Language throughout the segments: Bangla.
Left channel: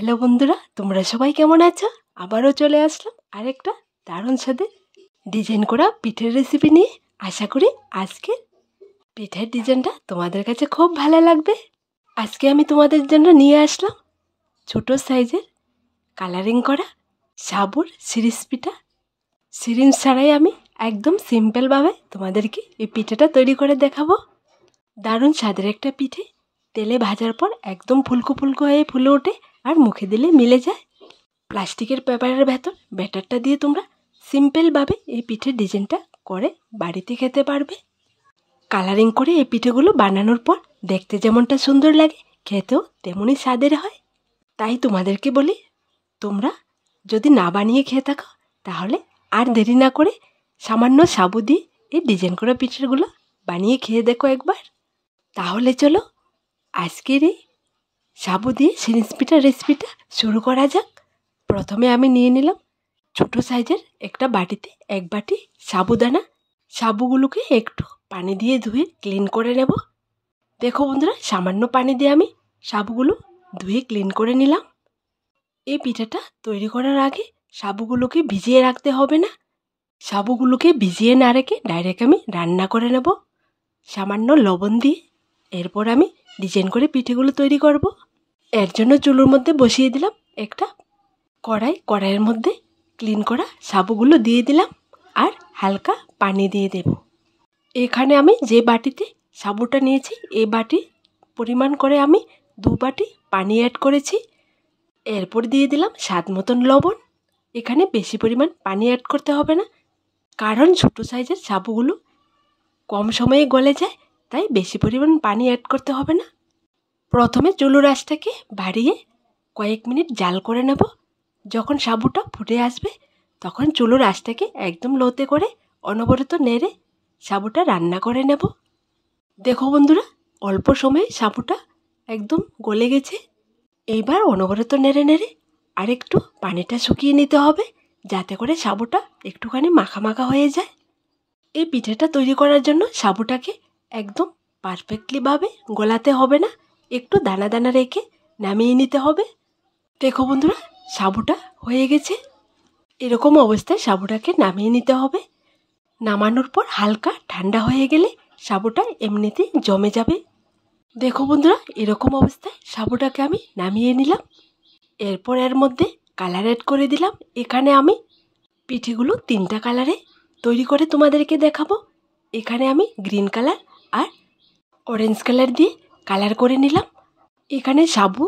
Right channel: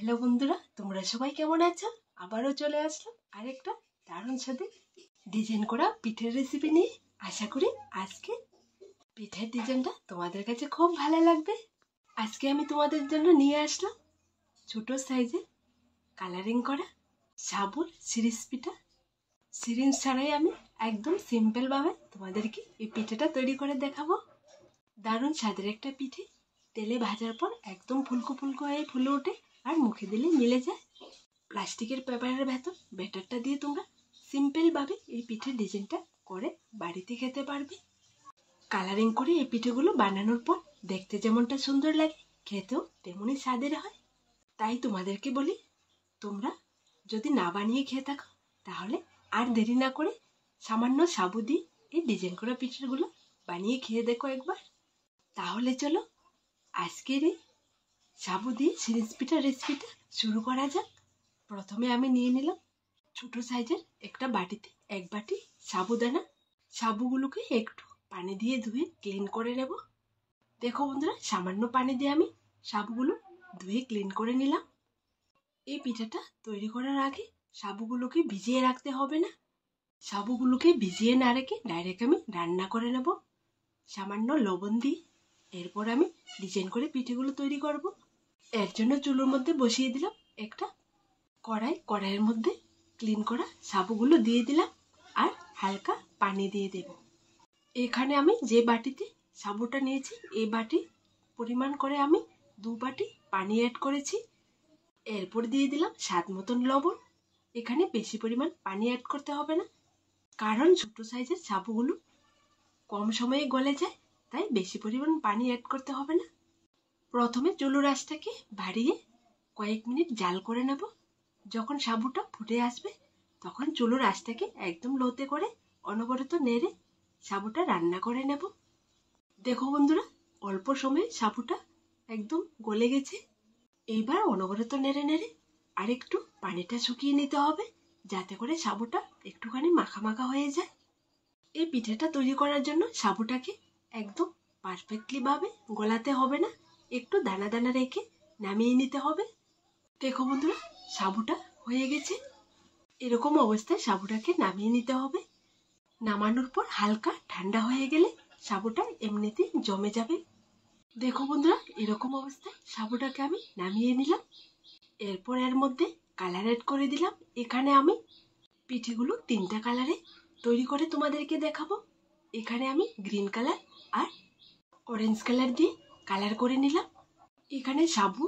হ্যালো বন্ধুরা, তোমরা সবাই কেমন আছো? আবারও চলে আসলাম আরেকটা দারুণ স্বাদের ডিজাইন করা পিঠের রেসিপি নিয়ে। আশা করি আজকে পিঠের ডিজাইনটা তোমাদের কাছে খুব ভালো লাগবে। আজকে আমি তোমাদের জন্য নিয়ে আসলাম ছোট সাইজের কালারিং করা সাবুর সিরিজ পিঠা। সিরিঞ্জ ছাড়াই আমি একদম সিম্পলভাবে তোমাদেরকে এই পিঠেটা তৈরি করে দেখাবো। দারুণ স্বাদের একটা পিঠে, তেলে ভাজার পর একদম ফুলকো ফুলকো হয়ে ফুলে ওঠে আর মুখে দিলে মিলে যায়। প্লাস্টিকের পেপারের ভেতর ব্যাটারটা দিয়ে তোমরা সিম্পলভাবে এই পিঠের ডিজাইনটা করে বাড়িতে খেতে পারবে। কালারিং করে এই পিঠেগুলো বানানোর পর দেখতে যেমনটা সুন্দর লাগে, খেতেও তেমনই স্বাদের হয়। তাই তোমাদেরকে বলি, তোমরা যদি না বানিয়ে খেয়ে থাকো তাহলে আর দেরি না করে সামান্য সাবু দিয়ে এই ডিজাইন করা পিঠেগুলো বানিয়ে খেয়ে দেখো একবার। তাহলে চলো আজকের এই সাবু দিয়ে সিরিঞ্জ পিঠার রেসিপিটা শুরু করা যাক। প্রথমে আমি নিয়ে নিলাম ছোটো সাইজের একটা বাটিতে এক বাটি সাবুদানা। সাবুগুলোকে একটু পানি দিয়ে ধুয়ে ক্লিন করে নেব। দেখো বন্ধুরা, সামান্য পানি দিয়ে আমি সাবুগুলো ধুয়ে ক্লিন করে নিলাম। এই পিঠাটা তৈরি করার আগে সাবুগুলোকে ভিজিয়ে রাখতে হবে না। সাবুগুলোকে ভিজিয়ে না রেখে ডাইরেক্ট আমি রান্না করে নেব সামান্য লবণ দিয়ে। এরপর আমি ডিজাইন করে পিঠেগুলো তৈরি করব। এর জন্য চুলোর মধ্যে বসিয়ে দিলাম একটা কড়াইয়ের মধ্যে ক্লিন করা সাবুগুলো দিয়ে দিলাম আর হালকা পানি দিয়ে দেব। এখানে আমি যে বাটিতে সাবুটা নিয়েছি এই বাটি পরিমাণ করে আমি 2 বাটি পানি অ্যাড করেছি। এরপর দিয়ে দিলাম স্বাদ মতন লবণ। এখানে বেশি পরিমাণ পানি অ্যাড করতে হবে না, কারণ ছোটো সাইজের সাবুগুলো কম সময়ে গলে যায়, তাই বেশি পরিমাণ পানি অ্যাড করতে হবে না। প্রথমে চুলোর আঁচটাকে বাড়িয়ে কয়েক মিনিট জাল করে নেব। যখন সাবুটা ফুটে আসবে তখন চুলোর আঁচটাকে একদম লোতে করে অনবরত নেড়ে সাবুটা রান্না করে নেব। দেখো বন্ধুরা, অল্প সময়ে সাবুটা একদম গলে গেছে। এইবার অনবরত নেড়ে নেড়ে আরেকটু পানিটা শুকিয়ে নিতে হবে, যাতে করে সাবুটা একটুখানি মাখা মাখা হয়ে যায়। এই পিঠেটা তৈরি করার জন্য সাবুটাকে একদম পারফেক্টলিভাবে গলাতে হবে না, একটু দানা দানা রেখে নামিয়ে নিতে হবে। দেখো বন্ধুরা, সাবুটা হয়ে গেছে। এরকম অবস্থায় সাবুটাকে নামিয়ে নিতে হবে। নামানোর পর হালকা ঠান্ডা হয়ে গেলে সাবুটা এমনিতেই জমে যাবে। দেখো বন্ধুরা, এরকম অবস্থায় সাবুটাকে আমি নামিয়ে নিলাম। এরপর এর মধ্যে কালার অ্যাড করে দিলাম। এখানে আমি পিঠেগুলো 3টা কালারে তৈরি করে তোমাদেরকে দেখাবো। এখানে আমি গ্রিন কালার আর অরেঞ্জ কালার দিয়ে কালার করে নিলাম। এখানে সাবু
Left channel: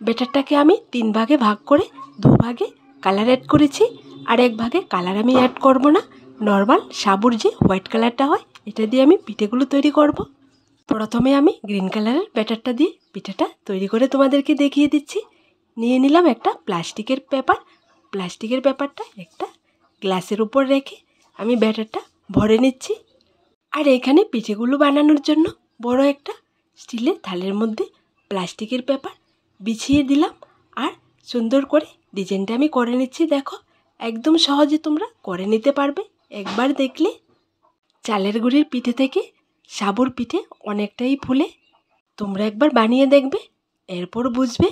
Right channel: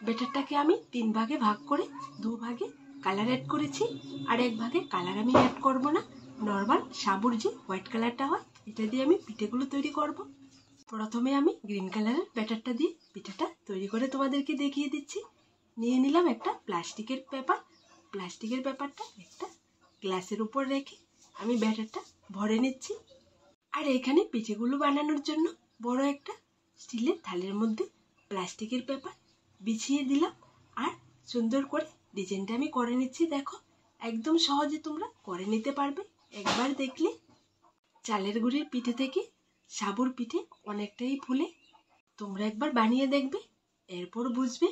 ব্যাটারটাকে আমি 3 ভাগে ভাগ করে 2 ভাগে কালার অ্যাড করেছি, আর 1 ভাগে কালার আমি অ্যাড করব না। নর্মাল সাবুর যে হোয়াইট কালারটা হয় এটা দিয়ে আমি পিঠেগুলো তৈরি করব। প্রথমে আমি গ্রিন কালারের ব্যাটারটা দিয়ে পিঠেটা তৈরি করে তোমাদেরকে দেখিয়ে দিচ্ছি। নিয়ে নিলাম একটা প্লাস্টিকের পেপার। প্লাস্টিকের পেপারটা একটা গ্লাসের উপর রেখে আমি ব্যাটারটা ভরে নিচ্ছি। আর এখানে পিঠেগুলো বানানোর জন্য বড় একটা স্টিলের থালের মধ্যে প্লাস্টিকের পেপার বিছিয়ে দিলাম আর সুন্দর করে ডিজাইনটা আমি করে নিচ্ছি। দেখো, একদম সহজে তোমরা করে নিতে পারবে একবার দেখলে। চালের গুঁড়ির পিঠে থেকে সাবুর পিঠে অনেকটাই ফুলে। তোমরা একবার বানিয়ে দেখবে, এরপর বুঝবে।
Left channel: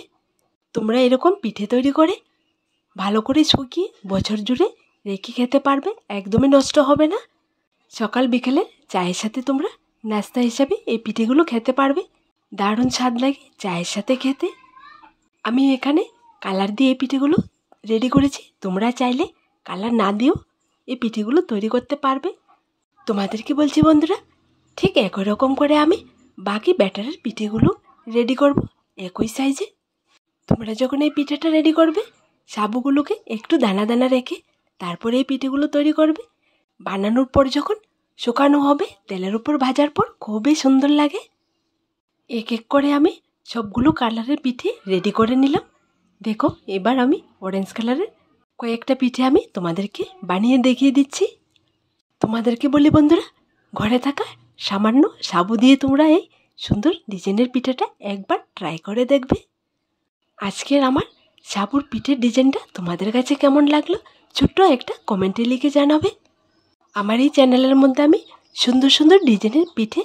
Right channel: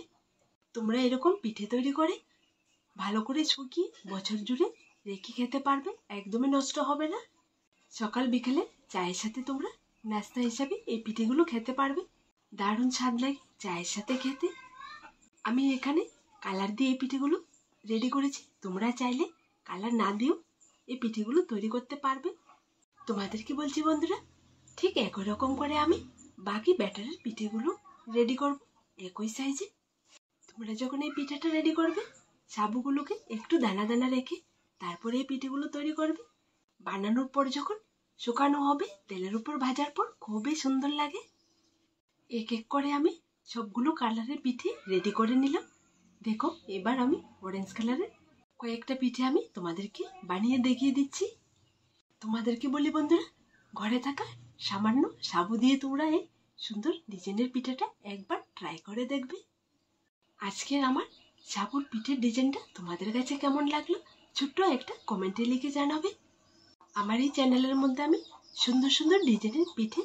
তোমরা এরকম পিঠে তৈরি করে ভালো করে শুকিয়ে বছর জুড়ে রেখে খেতে পারবে, একদমই নষ্ট হবে না। সকাল বিকেলে চায়ের সাথে তোমরা নাস্তা হিসাবে এই পিঠেগুলো খেতে পারবে। দারুণ স্বাদ লাগে চায়ের সাথে খেতে। আমি এখানে কালার দিয়ে এই পিঠেগুলো রেডি করেছি। তোমরা চাইলে কালার না দিয়েও এই পিঠেগুলো তৈরি করতে পারবে। তোমাদেরকে বলছি বন্ধুরা, ঠিক একই রকম করে আমি বাকি ব্যাটারের পিঠেগুলো রেডি করব একই সাইজে। তোমরা যখন এই পিঠেটা রেডি করবে সাবুগুলোকে একটু দানা দানা রেখে তারপরে এই পিঠেগুলো তৈরি করবে। বানানোর পর যখন শুকানো হবে তেলের উপর ভাজার পর খুবই সুন্দর লাগে। এক এক করে আমি সবগুলো কালারের পিঠে রেডি করে নিলাম। দেখো, এবার আমি অরেঞ্জ কালারের কয়েকটা পিঠে আমি তোমাদেরকে বানিয়ে দেখিয়ে দিচ্ছি। তোমাদেরকে বলি বন্ধুরা, ঘরে থাকা সামান্য সাবু দিয়ে তোমরা এই সুন্দর ডিজাইনের পিঠেটা একবার ট্রাই করে দেখবে। আজকের আমার সাবুর পিঠের ডিজাইনটা তোমাদের কাছে কেমন লাগলো ছোট্ট একটা কমেন্টে লিখে জানাবে। আমার এই চ্যানেলের মধ্যে আমি সুন্দর সুন্দর ডিজাইনের পিঠে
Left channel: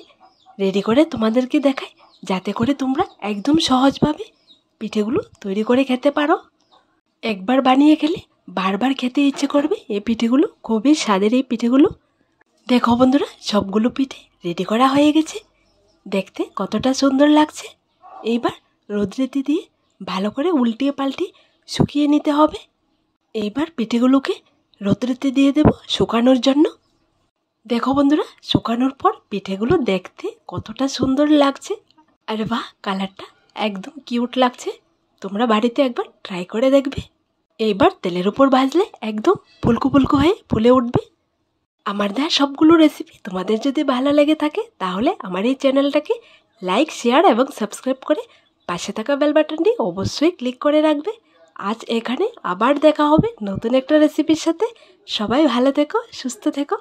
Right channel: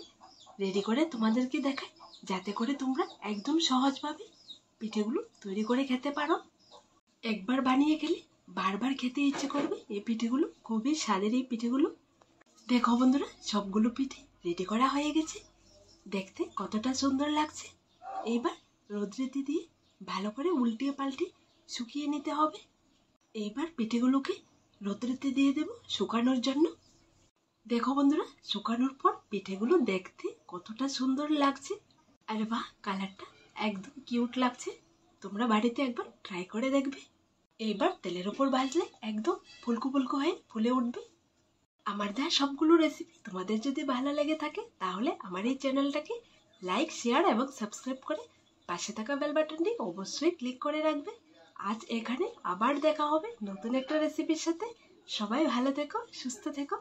রেডি করে তোমাদেরকে দেখাই, যাতে করে তোমরা একদম সহজভাবে পিঠেগুলো তৈরি করে খেতে পারো। একবার বানিয়ে খেলে বারবার খেতে ইচ্ছে করবে। এই পিঠেগুলো খুবই স্বাদের। এই পিঠেগুলো দেখো বন্ধুরা, সবগুলো পিঠে রেডি করা হয়ে গেছে। দেখতে কতটা সুন্দর লাগছে। এইবার রোদ্রেতে দিয়ে ভালো করে উল্টিয়ে পাল্টিয়ে শুকিয়ে নিতে হবে। এইবার পিঠেগুলোকে রোদ্রেতে দিয়ে দেব শুকানোর জন্য। দেখো বন্ধুরা, শুকানোর পর পিঠেগুলো দেখতে কতটা সুন্দর লাগছে। আর বাহ, কালারটা একদম কিউট লাগছে। তোমরা বাড়িতে একবার ট্রাই করে দেখবে। এইবার তেলের উপর ভাজলে একদম ফুলকো ফুলকো হয়ে ফুলে উঠবে। আমার দেওয়া সবগুলো রেসিপি তোমাদের যদি ভালো লেগে থাকে তাহলে আমার এই চ্যানেলটাকে লাইক, শেয়ার এবং সাবস্ক্রাইব করে পাশে থাকা বেল বাটনটি অবশ্যই ক্লিক করে রাখবে। আজ এখানে আবার দেখা হবে নতুন একটা রেসিপির সাথে। সবাই ভালো থেকো, সুস্থ থেকো।